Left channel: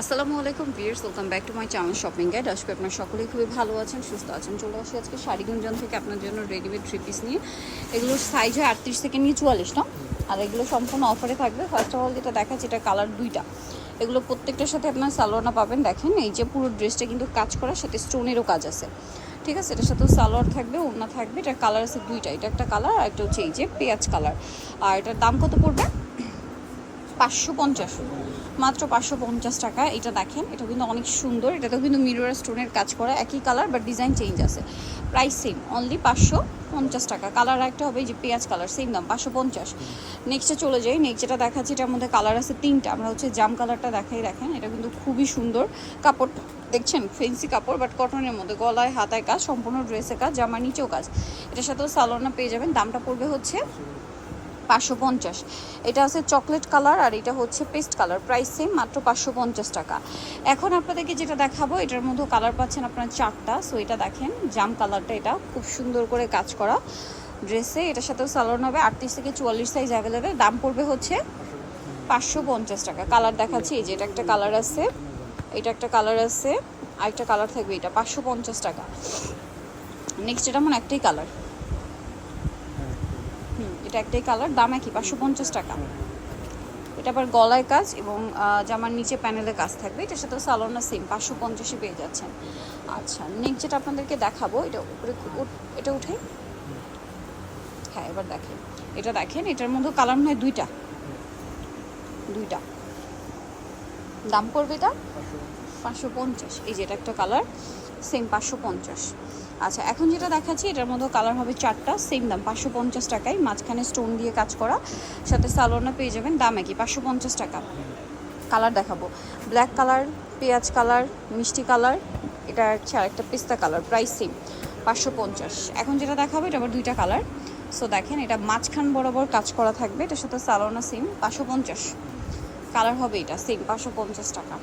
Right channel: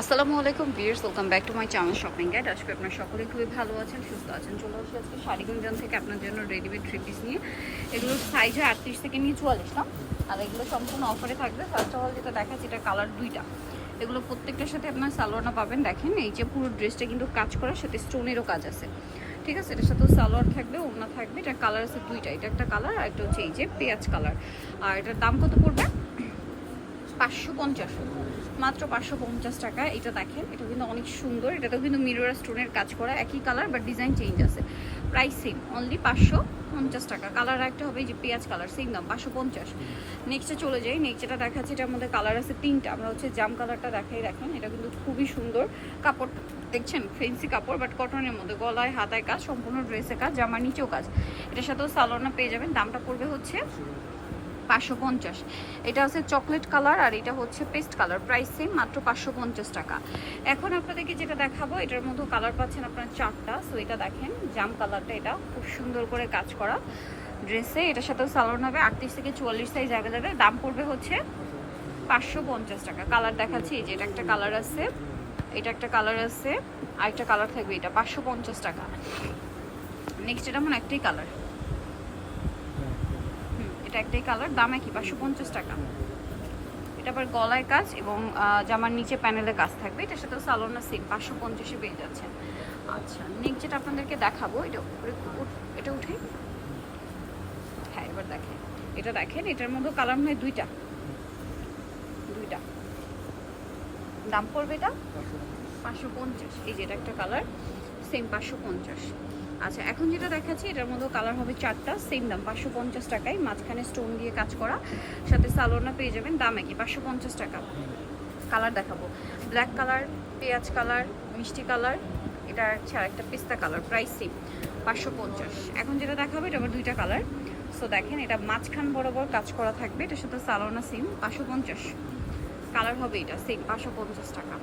আসসালামু আলাইকুম viewers, welcome back to my channel shopping guide. আজকে আপনারা সকলেই খুবই ভালো আছেন, সুস্থ আছেন। চলে আসি আজকে শাড়ি গুঞ্জন থেকে আপনার জন্য রেডিমেড থ্রি পিস নিয়ে। এগুলোর সাইজ হয় 38 থেকে নিয়ে 44 না, আর এগুলো সম্পূর্ণ অফারে থাকবে। ফার্স্ট অফ অল যেটা দেখাচ্ছে, এটা কালার দুইটা। এগুলো প্রত্যেকটার সাথে আপনার সালোয়ারটা পাবেন। দেখেন এই যে পুরো ড্রেসটা কিন্তু কাজ করার সাথে স্টোনেরও কাজ আছে, ঠিক আছে। এটার সাথে সালোয়ার থাকবে, ওড়না থাকবে। এটার কালার আছে দুইটা, এটা একটা কালার আর একটা হচ্ছে এই যে পেঁয়াজ কালার। আর এটার দাম কত পড়বে? 550, মাত্র 550 টাকা। এটা দেখেন, এটা কিন্তু অনেক সুন্দর। এটাতেও কিন্তু মিরর স্টোনের কাজ করা, একই কালার বাট ডিজাইন চেঞ্জ আছে। প্রাইস সেম, অনলি 550 টাকা। কালার একটা হবে যে পেঁয়াজ কালার, সেম দাম 550। নেক্সটে চলে যাই। নেক্সট যেটা দেখাচ্ছি, এটার মধ্যে কালার আছে তিনটা। আমরা হচ্ছে জাম কালারটা দেখাই। দেখেন এটা কিন্তু খুবই সুন্দর কাপড়, দেখছেন ফেন্সি কাপড় বাট কটনের মধ্যে। গলায় হাতায় কাজ, সম্পূর্ণ ড্রেসে কাজ, জামার নিচেও কাজ। এটার সাথেও সালোয়ারটা পেয়ে যাবেন। দামটা পড়বে হচ্ছে 550। এটা আছে চকলেট কালার আর এটা হচ্ছে পেস্ট কালার। প্রাইস সেম, মাত্র 550 টাকা। এখন আপনাদেরকে যেটা দেখাবো, এটার মধ্যে কালার পাচ্ছেন আপনারা চারটা। সো এটা দেখেন জাম কালারটা, এটা খুব সুন্দর করে কাজ করা ড্রেসে। এটার সাথেও সালোয়ার হবে 38 থেকে 44 সাইজ অ্যাভেলেবেল। দাম পড়বে হচ্ছে 550 টাকা। কালার দেখাচ্ছি, এই যে এটা একটা কালার আছে, এটা একটা কালার আছে, আরেকটা কালার থাকবে। এটা 550 টাকা। নেক্সট এটা মনে একটাই কালার, এটা একটাই কালার, দাম একই 550 টাকা। এটা আবার গলায় কাজ এবং জামার নিচে প্যানেলে কাজ থাকবে। এটার সাথে সালোয়ারটা সেম 550-এ পেয়ে যাচ্ছেন। আচ্ছা, নেক্সট যেটা আপনাদেরকে দেখাবো, এটা উপরে এটা উঠে, হ্যাঁ এবার দেখেন। এটা দেখেন, এটার মধ্যে কালার নয় দুইটা, দাম পড়বে এটা 550। এই যে এটা একটা কালার, সেম 550। আচ্ছা, এখন যেটা দেখাচ্ছি, এটার মধ্যে কালার হবে চারটা, সেম দাম 550 টাকায়। মাঝখানে স্টোন দিয়ে কাজ করা, সাথে সালোয়ারটা পেয়ে যাবেন। দাম একই 550 টাকা। কালার দেখাবো, ব্ল্যাক কালার, পেঁয়াজ কালার, মিষ্টি কালার, এটা হচ্ছে আরেকটা পিস্তা কালার। Price same 550। এখন যেটা দেখাবো, এটা আবার দুইটা কালার। সো দেখেন, এটা মাঝখান বরাবর কাজ করা থাকবে। এটার সাথে সালোয়ারটা সেম 550। কালার হবে এটা সেম 550 টাকা।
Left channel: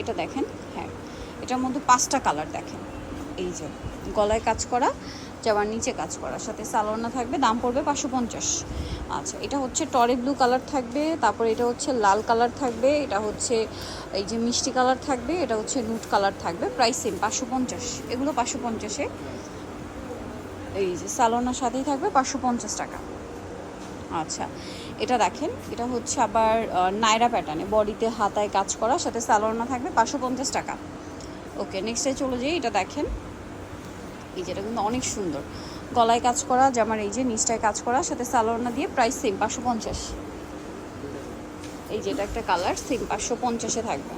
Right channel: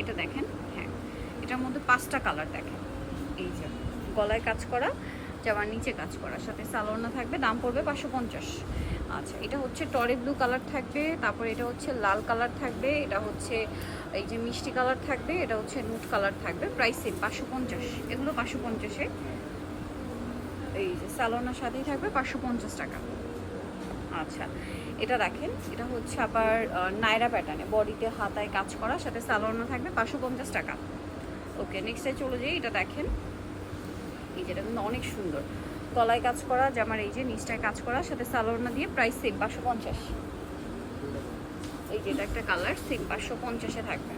এটা দেখেন, হ্যাঁ এটার মধ্যে 5টা কালার দেখেন। এই যে গলায় কাজ করা, জামার নিচে কাজ করা, সাথে সালোয়ার থাকবে। দাম পড়বে 550। আচ্ছা, এটা হচ্ছে টরে ব্লু কালার থাকবে, তারপরে এটা হচ্ছে লাল কালার থাকবে, এটা হচ্ছে এই যে মিষ্টি কালার থাকবে, এটা হচ্ছে নুট কালার থাকবে। Price same 550। এগুলো 550-এ। এই যে সালোয়ার সাথেই থাকবে 550 টাকা। আচ্ছা, এটা দেখেন, এটা হচ্ছে আবার নায়রা প্যাটার্নে, বডিতে হাতায় কাজ করা, সাথে সালোয়ার থাকবে 550 টাকা। ওকে, নেক্সটে চলে যাই। এটা দেখেন, এই যেটা কিন্তু অনেক সুন্দর, গলায় কাজ করা, জামার এই যে নিচটায় কাজ করা, সাথে সালোয়ার দিয়ে। Price same 550। এই যে এটা একটা কালার, সেম 550-এ থাকবে।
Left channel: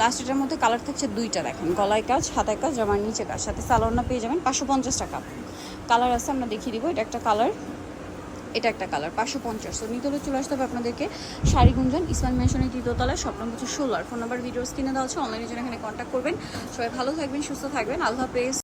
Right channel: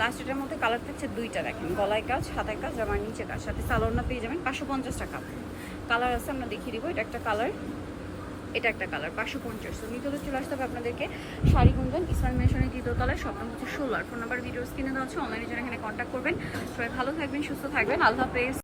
লাস্ট এটার মধ্যে কালার থাকছে দুইটা। দেখেন গলায় কাজ, হাতায় কাজ, জামার নিচে কাজ, সাথে সালোয়ার পেয়ে যাবেন 550 টাকা। কালার আছে, আমরা দেখিয়ে দিব। এটা একটা কালার, এটা একটা কালার, 550। তো নিতে হলে চলে আসতে হবে আপনাদেরকে শাড়ি গুঞ্জন, ইসলাম মেশনের 3য় তলায়, শপ নম্বর হচ্ছে 16। ফোন নাম্বার ভিডিওস কিনে দেওয়া হচ্ছে, অনলাইনে যারা এখানে কন্ট্যাক্ট করবেন। সবাই ভালো থাকবেন, সুস্থ থাকবেন, আল্লাহ হাফেজ।